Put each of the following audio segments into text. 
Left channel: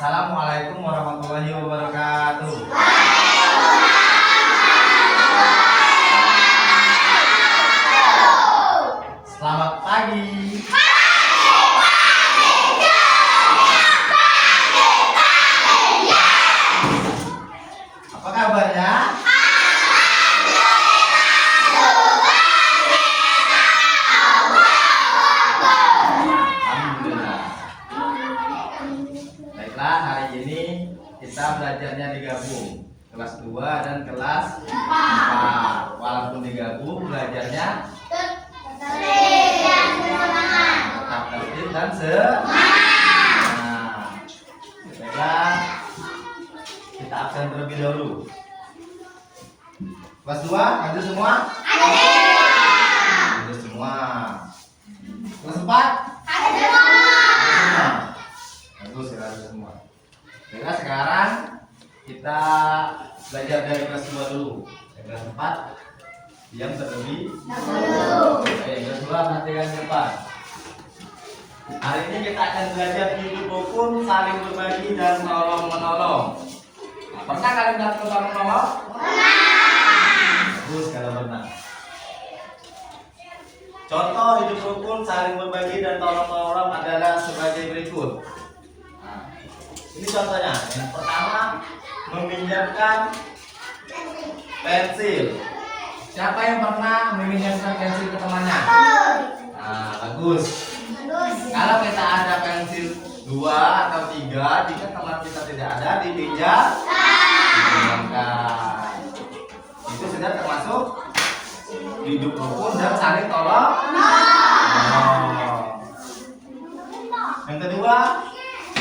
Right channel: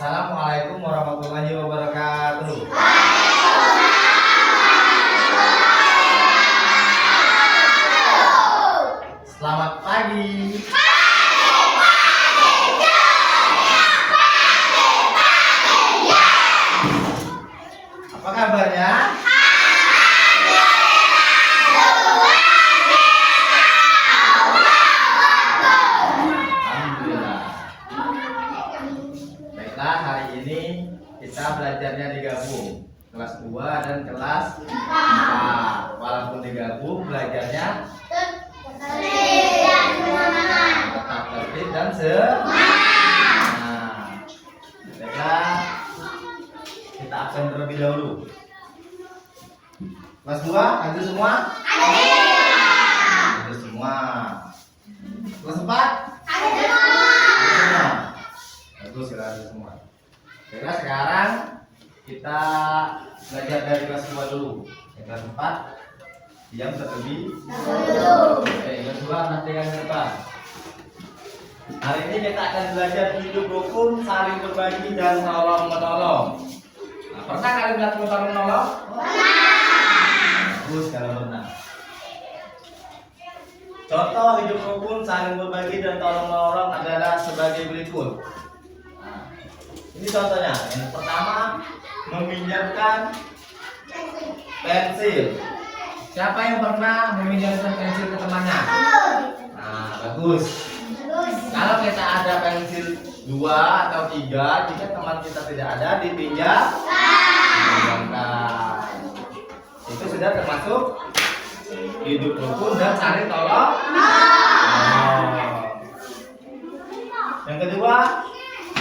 Assalamualaikum warahmatullahi wabarakatuh. Selamat pagi. Apa kabarnya? Alhamdulillah. Baiklah, hari ini kita belajarnya digabung kelas 2 dan kelas 4. Walaupun digabung, belajarnya tetap tertib dan semangat. Baiklah, kita absen terlebih dahulu. Kelas 2, hadir semua? Hadir semua. Kelas 4? Hadir semua. Bagus, kita hadir semua. Baiklah, sekarang kita belajar dari kelas 2 dulu. Kelas 4 diam terlebih dahulu. Kelas 2 perhatikan ke depan. Hari ini kita akan belajar hidup rukun, saling berbagi dan tolong menolong. Nah, pernah kalian lihat tolong menolong? Bagus kalau pernah. Contoh hidup rukun, saling berbagi dan tolong menolong adalah sebagai berikut. Nah, ini contohnya. Yang pertama, meminjamkan pensil. Siapa yang pernah meminjamkan pensil ke temannya? Nah, bagus. Kalau kita ada pensil 2 atau 3, jika teman kita tidak ada, dipinjamkan. Itu sudah termasuk hidup rukun dan saling tolong. Yang kedua,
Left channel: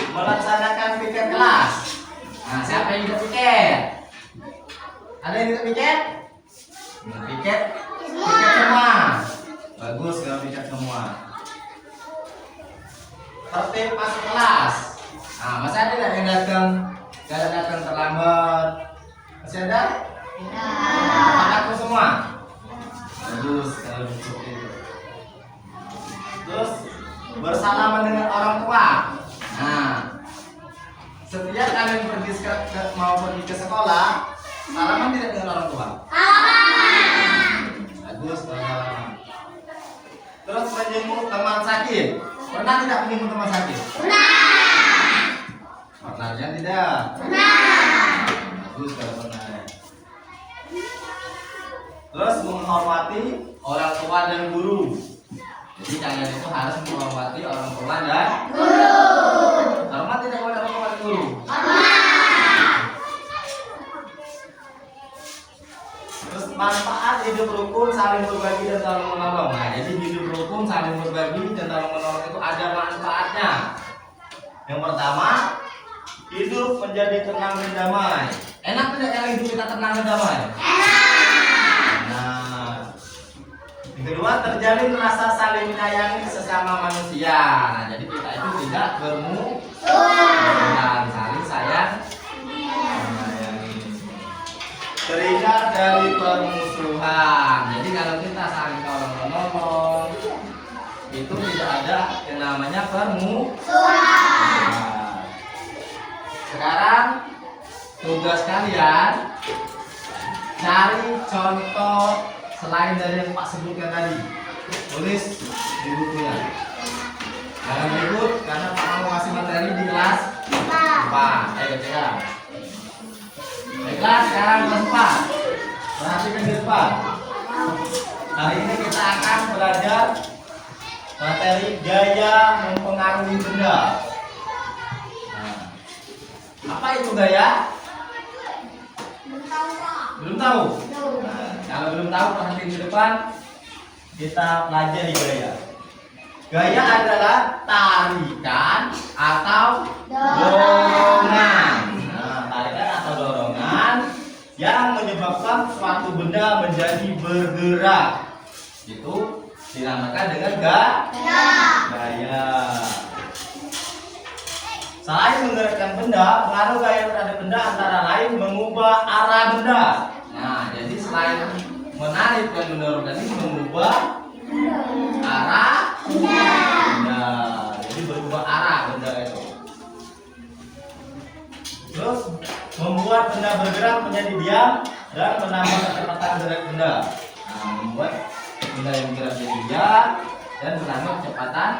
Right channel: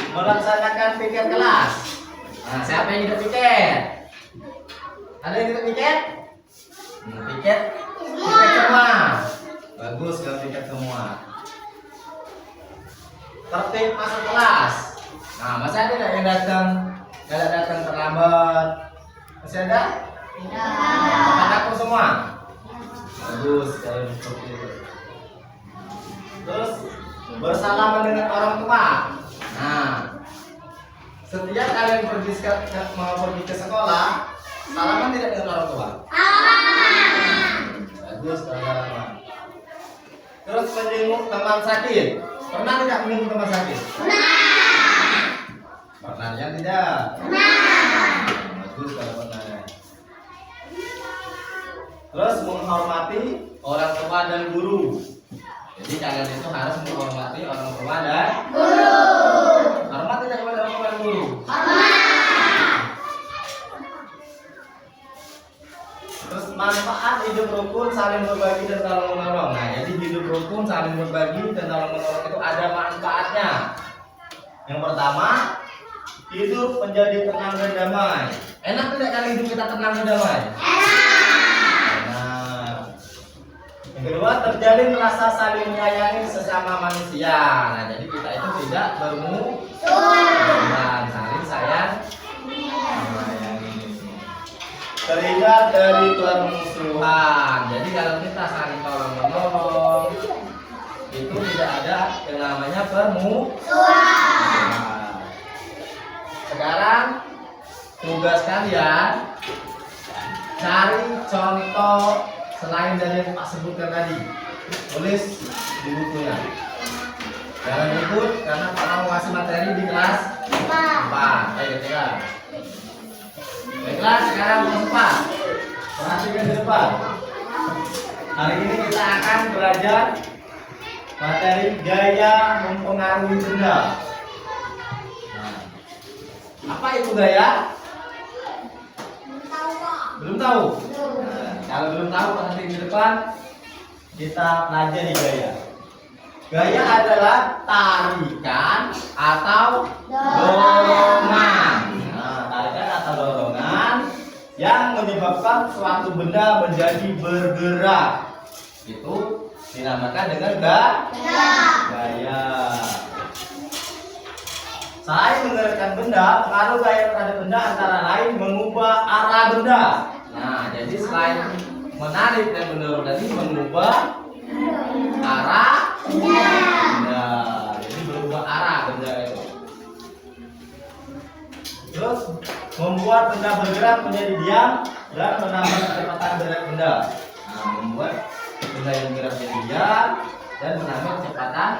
melaksanakan piket kelas. Nah, siapa yang ikut piket? Ada yang ikut piket? Piket semua. Bagus kalau piket semua. Tertib masuk kelas. Nah, masih ada yang datang terlambat? Masih ada? Tepat aku semua. Bagus kalau seperti itu. Terus bersalaman dengan orang tua. Nah, setiap kalian mau pergi ke sekolah, salaman tidak dengan orang tua? Bagus kalau salaman. Terus menjenguk teman sakit. Pernah tidak menjenguk teman sakit? Pernah yang tidak? Bagus kalau pernah. Terus menghormati orang tua dan guru. Jadi kalian itu harus menghormati orang tua dan guru. Hormat tidak kepada orang tua dan guru? Terus manfaat hidup rukun, saling berbagi dan tolong menolong. Nah, jadi hidup rukun, saling berbagi dan tolong menolong itu ada manfaatnya. Yang pertama, hidup menjadi tenang dan damai. Enak tidak kalau hidup kita tenang dan damai? Yang kedua, terjalin rasa saling menyayangi sesama manusia. Nah, jadi kita itu tidak bermusuhan, saling sayang menyayangi. Terhindar dari permusuhan. Jadi kalau kita saling tolong menolong, itu tidak ada yang namanya permusuhan. Sekarang tugas kalian cari contoh selain dari yang Pak sebutkan tadi, tulis di bukunya. Jangan ribut karena Pak mau ngasih materi di kelas 4. Ayo cekak. Baiklah, sekarang kelas 4. Perhatikan di depan. Hari ini kita akan belajar materi gaya mempengaruhi benda. Nah, apa itu gaya? Belum tahu? Nah, kalau belum tahu, perhatikan di depan. Kita pelajari gaya. Gaya adalah tarikan atau dorongan. Nah, tarikan atau dorongan yang menyebabkan suatu benda menjadi bergerak. Itu dinamakan dengan gaya. Selain menggerakkan benda, pengaruh gaya terhadap benda antara lain mengubah arah benda. Nah, jadi selain menarik dan mendorong tadi, mengubah arah benda. Jadi berubah arah benda itu. membuat benda bergerak menjadi diam dan menambah kecepatan gerak benda. Nah, membuat benda yang bergerak menjadi diam dan menambah kecepatan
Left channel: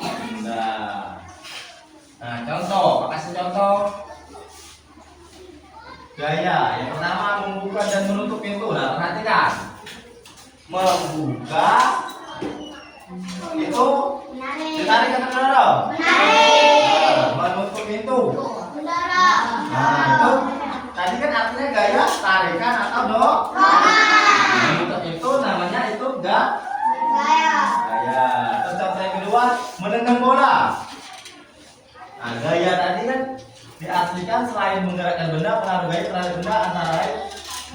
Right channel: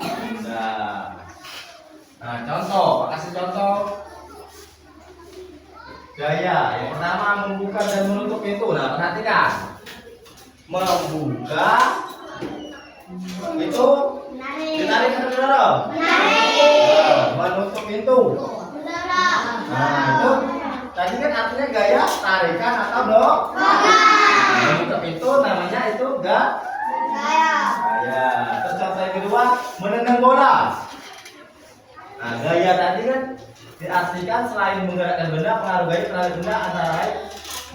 benda. Nah, contoh, kasih contoh gaya. Yang pertama membuka dan menutup pintu. Nah, perhatikan. Membuka itu ditarik atau mendorong? Nah, menutup pintu. Nah, itu tadi kan artinya gaya tarikan atau dorongan. Menutup pintu namanya itu gaya. Terus contoh yang kedua, menendang bola. Nah, gaya tadi kan diartikan selain menggerakkan benda, pengaruh gaya terhadap benda antara lain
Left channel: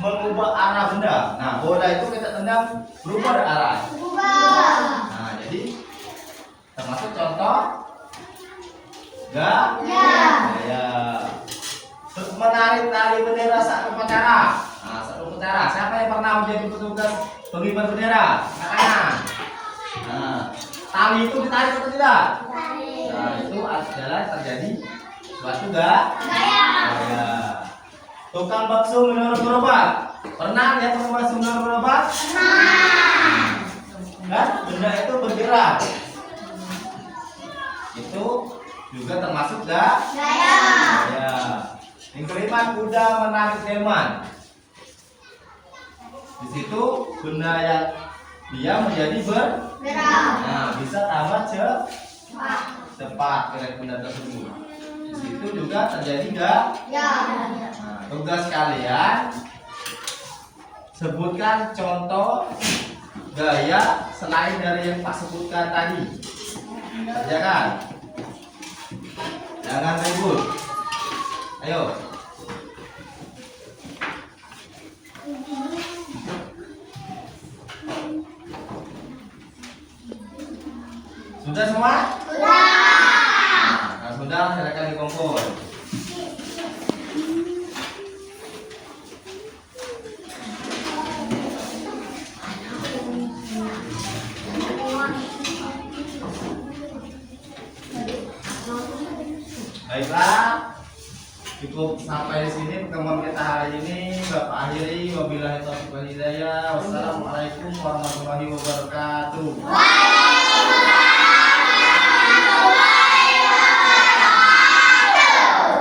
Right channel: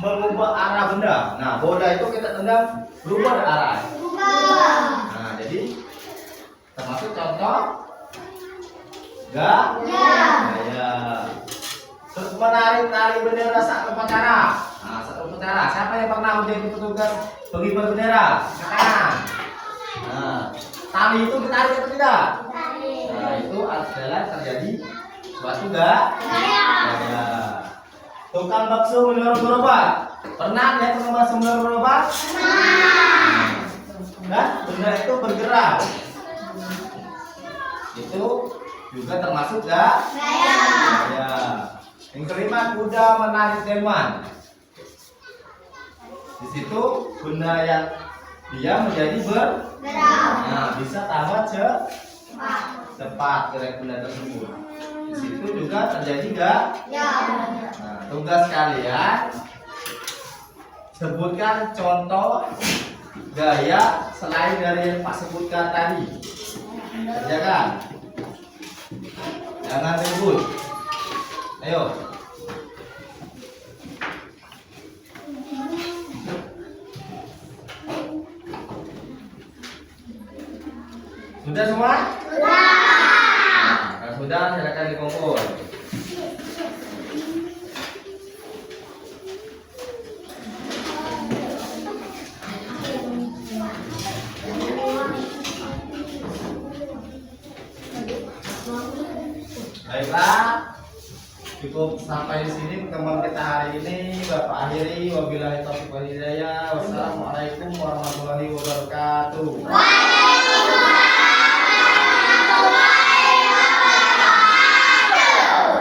mengubah arah benda. Nah, bola itu kita tendang berubah arah. Nah, jadi termasuk contoh gaya. Terus menarik tali bendera saat upacara. Nah, saat upacara, siapa yang pernah menjadi petugas pengibar bendera? Angkat. Nah, tali itu ditarik atau tidak? Nah, itu adalah terjadi suatu gaya. Tukang bakso menyuruh gerobak. Pernah lihat tukang bakso menyuruh gerobak? Nah, benda itu bergerak. Itu juga termasuk gaya. Yang kelima, kuda menarik delman. Di situ benda yang dia menjadi bergerak. Nah, bisa tambah cepat gerak benda tersebut. Di situ juga terjadi gaya. Nah, tugas kalian sebutkan contoh gaya selain dari yang Pak sebutkan tadi. Kerjakan. Jangan ribut. Ayo. Sudah semua? Sudah. Nah, sudah, silakan dikumpul. Baiklah, cukup sampai di sini pertemuan kita hari ini. Bapak akhiri, wabillahi taufiq wal hidayah. Wassalamualaikum warahmatullahi wabarakatuh.